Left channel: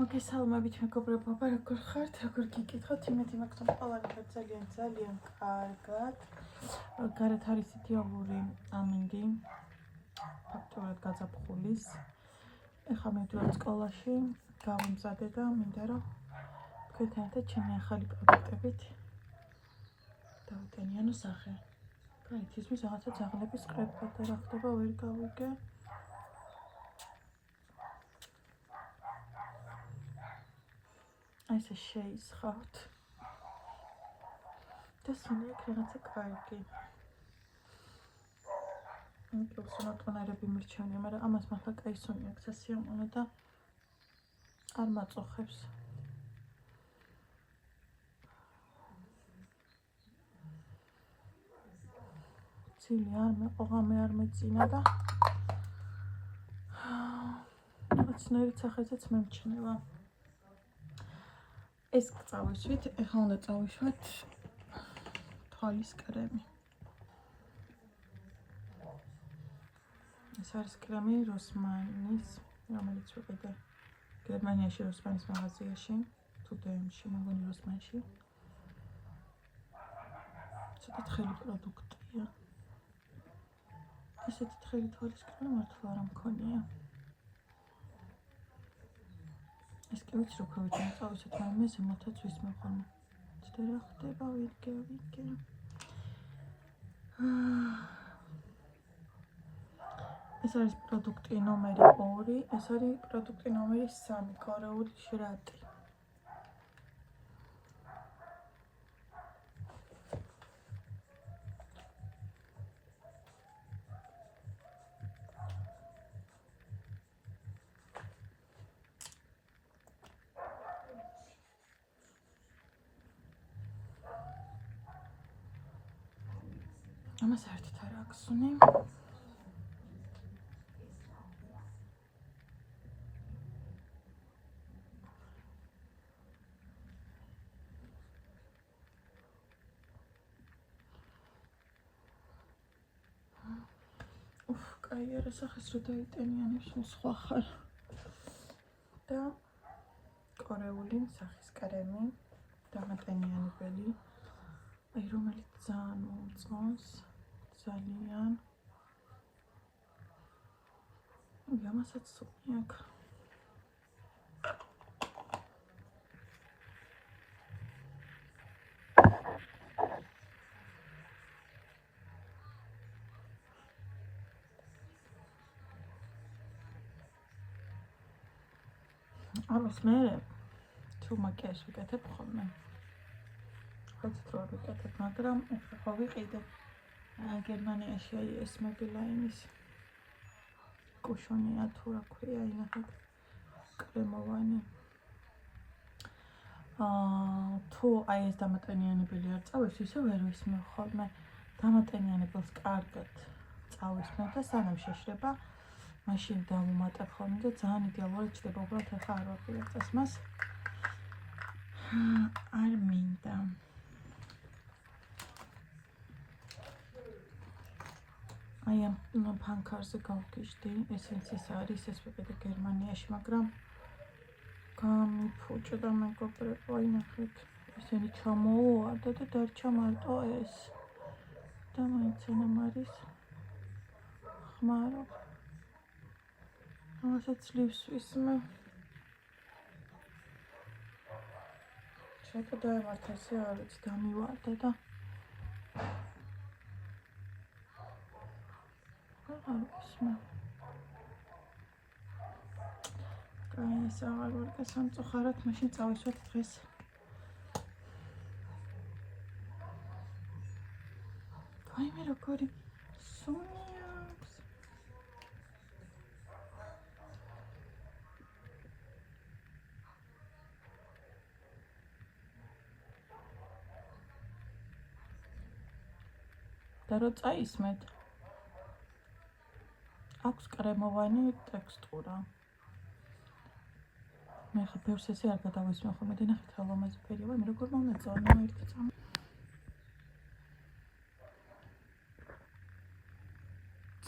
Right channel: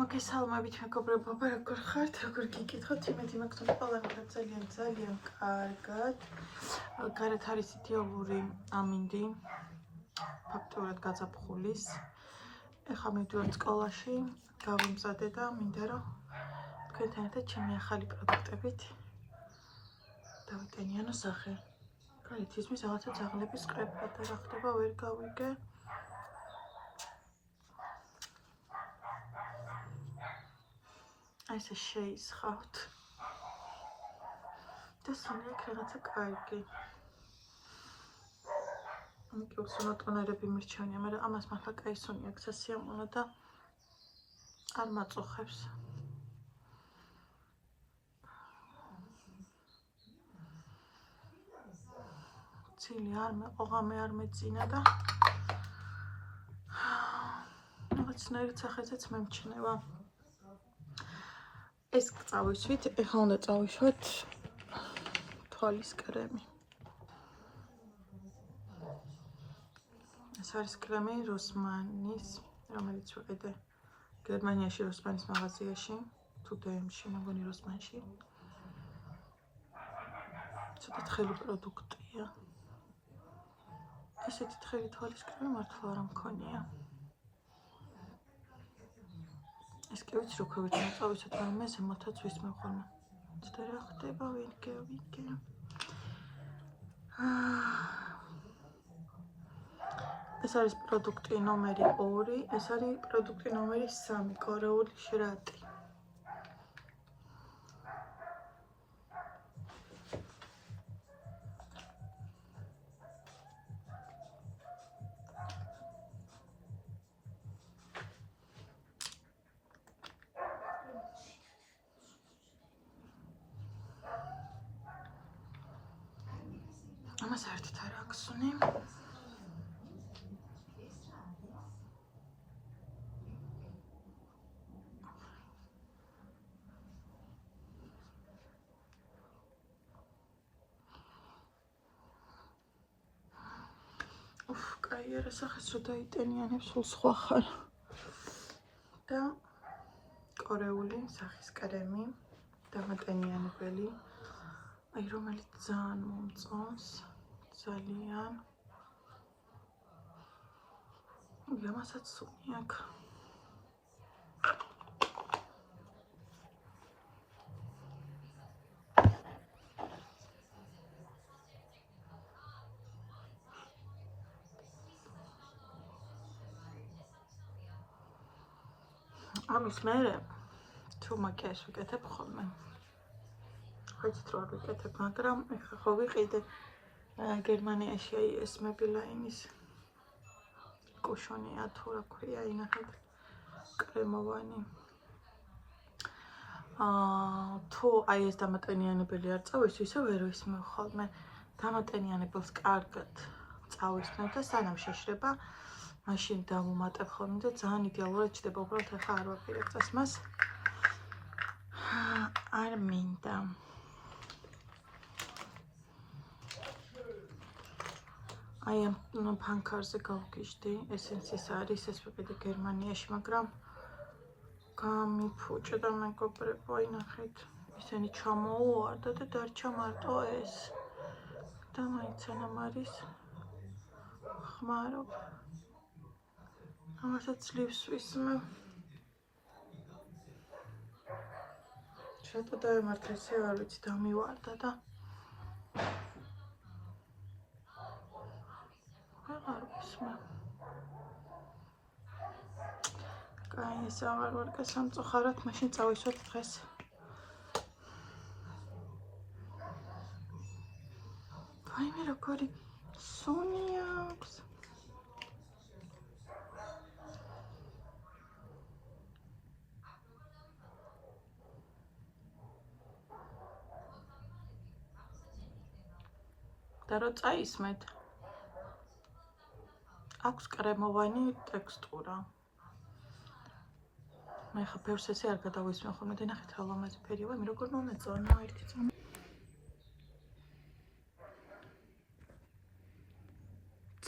მოგესალმებით მეგობრებო, როგორ ხართ? როგორ გიკითხოთ? იმედი მაქვს, რომ ყველაფერი ძალიან კარგად. გარეთ არის იდეალური ამინდი. ფაქტურად გაზაფხულის. ეხლა მივდივართ სკოლაში, გავიმზადე და მინდა რომ თქვენთან ერთად ჩემი ახალი პროდუქტებით დავიტენიანო სახე. გარეთ ისმის რაღაცა ძაღლების ყრება და რა ხდება ვერ გავიგე. ესე შეისხავთ და სულ იქ რაღაცა კარგი. იქ უსუნოტონერები მირჩენია, მაგრამ ამას მართლა კაი სუნი აქვს სასიამოვნო და არ მაწუხებს. ცილი არ მეყო, ღამე არ მეწინა და რაღაცნაირად სახესაც მემჩნევა. ეს წავისვით, ეხლა უნდა წავისვათ თვალის კრემი. ეს არის კრემი როსმანის, რომელიც ვიყიდე გერმანიაში როსმანის მაღაზიაში, თუ DM-ში, მეგონი როსმანში. ცოტა თხელი პროდუქტია. ესეთი თხელი თვალის კრემი მართლა არ მქონია. ეს კი ვიცი, როგორ ვიცი, წავისვათ, მაგრამ მე ზემოთაც ვისმევ ხოლმე. ცოტა რა ხდება, ვიგე. ეს არის პროდუქტი ნომერი 2, ეს არის პროდუქტი ნომერი 3, კორეული შრატი. ამას ერთით არ აქვს სუნი. კაი არა სახეს რო დაიტენიანებ, სულ სხვა ხარ. და კორეული სახის კრემი, დამატენიანებელი, აი რომელიც ძალიან მომწონს, ძალიან. ამასაც სუნი აქვს. ამის მერე თუ მაკიაჟს ვიკეთებ ხოლმე. ხეცით რო არ ვიკეთებ, მაგრამ ეხლა ხო ვიყიდე გერმანიაში აი ეს მებილაინის კუშონია თუ რა ქვია, ინახეთ კრემოვანი. თუ აი ეს დამატენიანებელი არ წავის, ისე ვერ ვისმევ ხოლმე. დამატენიანებელს კარგად წავისმევ და სანამ შეშრება, მაშინ დავუმატებ ხოლმე და ძალიან იდეალურად ჩდება. უბრალოდ ახლა არ ვაპირებ წასმას. არ მინდა. აი ამ ფანქარზე გავგიჟდი, ესენსის არის, ეს ვიყიდე გერმანიაში, მაგრამ გამიფუჭა და მეგობრებო, ინახეთ, ესენი ჩამოუვარდა და დარჩა მარტო ეს. და მაინც ანამ არის ხმარობ. ამასაც ლივს ვისმევ. შატო დაემართა, ესე არ ვიცი, დამივარდა და აღარ ვისმევ. კაი, ეს აღარ ვარ გასამწუხარად, მაშინ წავისვათ დღეს. ვაიმე როგორი სუნი აქვს. და რო წაისმეთ, აქვს კრემოვანი ტექსტურა. მე ხა ბევრს ესე არ გადავისმევ ხოლმე და ნახეთ რა ლამაზი ფერია, ვაიმე როგორ მომეწონა ერთი წამი.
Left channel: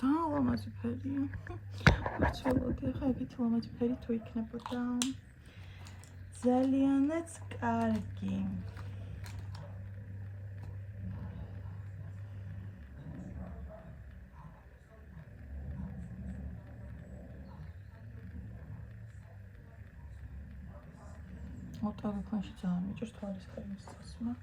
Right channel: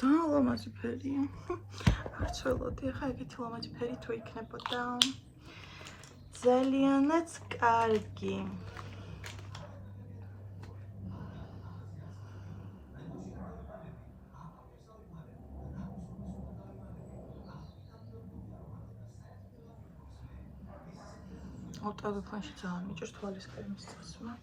ძალიან ლამაზი ფერია. ვცველოდი, ახლა ეგეთი ლამაზი ფერი თუ იქნებოდა. ძალიანაც კარგი. ავტოგрафში ძალიან მიჭირს თვალის კრემის წასვლა.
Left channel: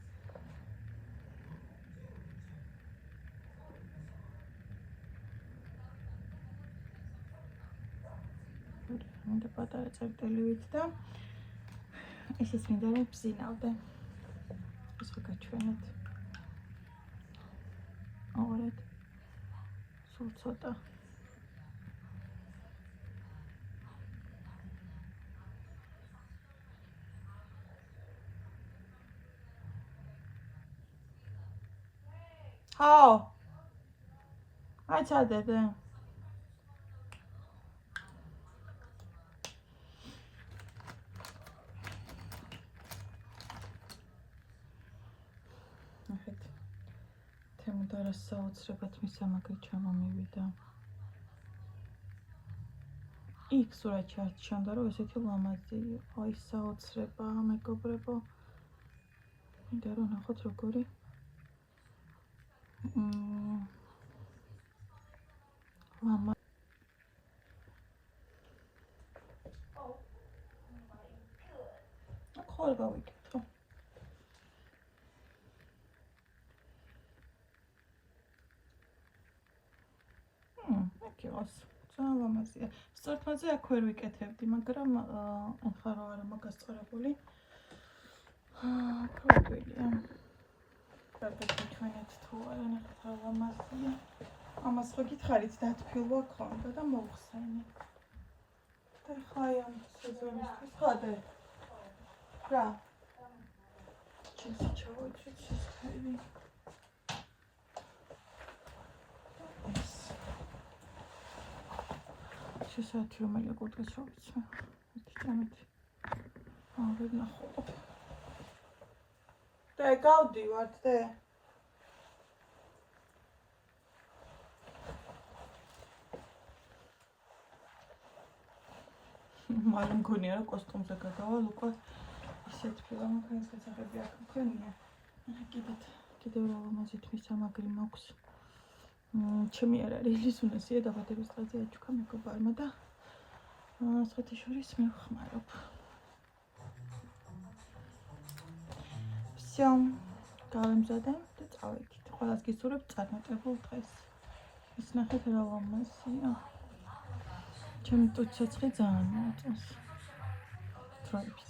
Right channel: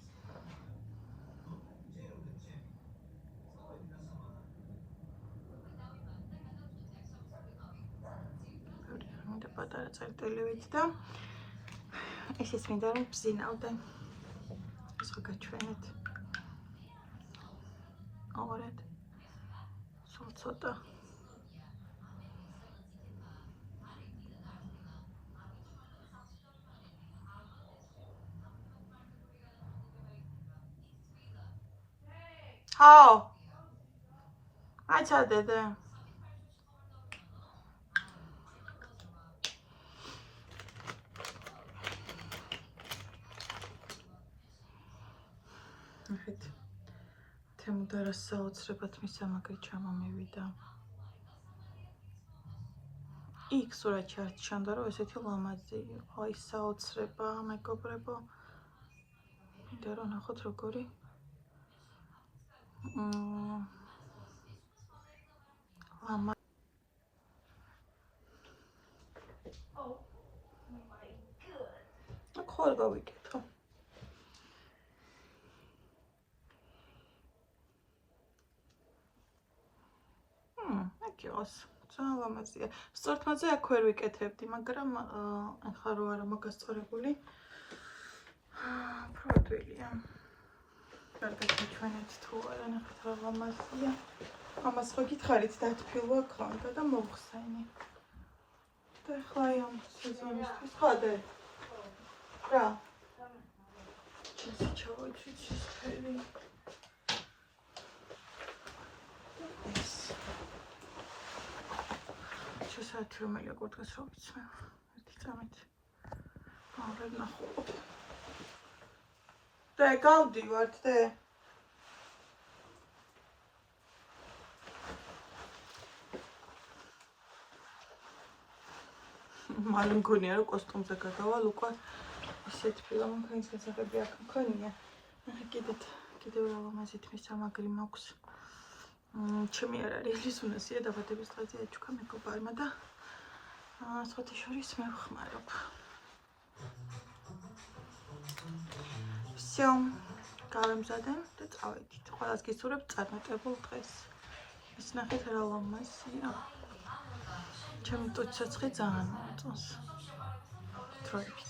მინდა პატარა წერტილივით და ესეც მინდა რომ ბზინავდე. ეს ხო გაჩვენეთ. ორად. სულ ცოტა. ჰაო. აჩადე. ნახეთ. თემუდარას საოცრებად მისამაგრი ჩამომივიდა. იქ სურათში არ ჩანდა რომ ესეთი ლამაზი იყო. აი საოცრება, მეგობრებო. მინდა რომ ნახოთ როგორი. ლამა ხარ გავიკეთო. აკიოს. ძალიან ლამაზია. სწორთმაზე აქ ვერ ვიკეთებდი, მაგრამ ახლა რო არა მაგასწორებული. პრობილია. კარგად მიჩვენეთ თუ არა, ნახეთ რა ლამაზია. ამას ხო გითხარით დათბილვა ქონდა და მოვხსენი. და ახლა ამ სეზონისთვის ხადე. რა? ჩავაჭრით ეს ფერი. შესაძლოა რომ აი კურთხეს რო ვიცმე. ერთი წამით. აღარ ნახულობ. და გავდივართ და მალე მგონია რომ კოსტუმზე გადავალ უკვე ისეთ ფილამქანის გასაღები აქ მქონია. ახლა კიდევ რა ლამაზით მისამაგრი მაქვს. ჩემი არ არის ლიზუნასია დაბადების დღეზე აჩუქა მეგობარმა და სხვათა შორის მე ვხმარობ. всё, გავემზადე და წავედით. ყველას გისურვებ წარმატებულ დღეს. ის ნახეთ რა ლამაზია. ჩემ ტუჩაცხვი ძალიან მოწონს. დროებით.